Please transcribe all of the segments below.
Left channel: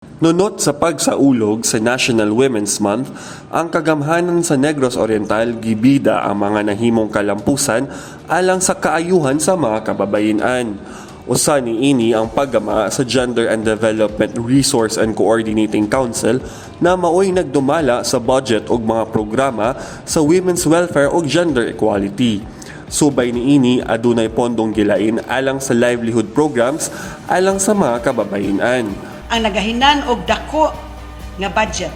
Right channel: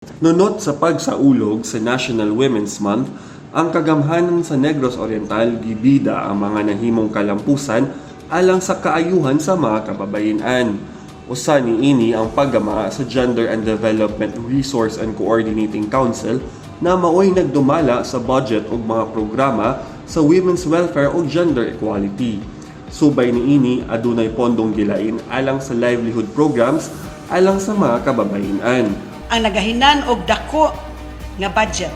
Nunot sa pagsaulog sa National Women's Month, ang kagamhanan sa Negros Oriental gibida ang mga nahimong kalampusan alang sa kaayuhan sa mga kababayen-an. Usa niini ang paggama sa Gender and Development Resource and Coordinating Council na maoy nagdumala sa budget ug mga programa sa women's welfare ug gender equality. Subay niini adunay pondong gilain alang sa livelihood programs alang sa mga kababayen-an. Ang nagahinan og dako nga budget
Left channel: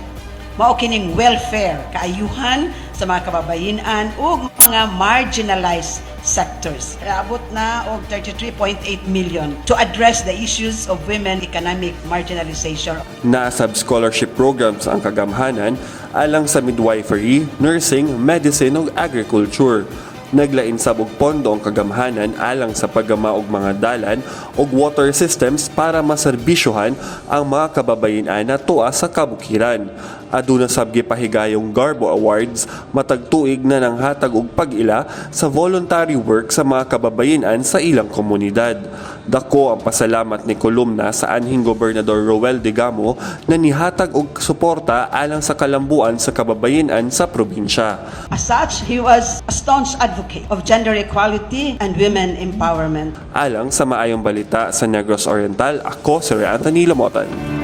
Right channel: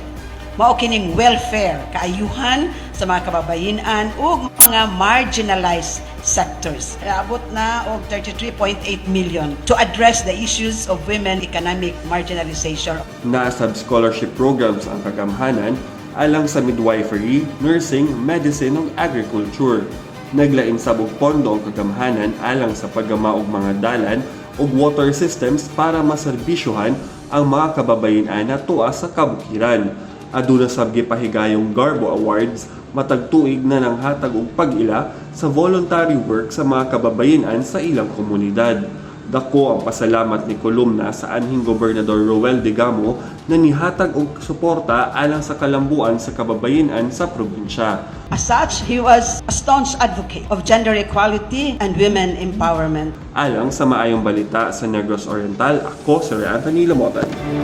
mao kining welfare, kaayuhan sa mga kababayen-an ug mga marginalized sectors. Abot na og 33.8 million to address the issues of women economic marginalization. Nasab scholarship programs ang kagamhanan alang sa midwifery, nursing, medicine ug agriculture. Naglain sab og pondo ang kagamhanan alang sa paggama og mga dalan ug water systems para maserbisyohan ang mga kababayen-an na tuwa sa kabukiran. Aduna sab gipahigayong Garbo Awards matag tuig na nanghatag og pag-ila sa voluntary work sa mga kababayen-an sa ilang komunidad. Dako ang pasalamat ni kolumna sa anhing Gobernador Roel Digamo na nihatag og suporta alang sa kalambuan sa kababayen-an sa probinsya. As such, he was a staunch advocate of gender equality and women empowerment. Alang sa maayong balita sa Negros Oriental, ako si Ray Anthony Lamotan.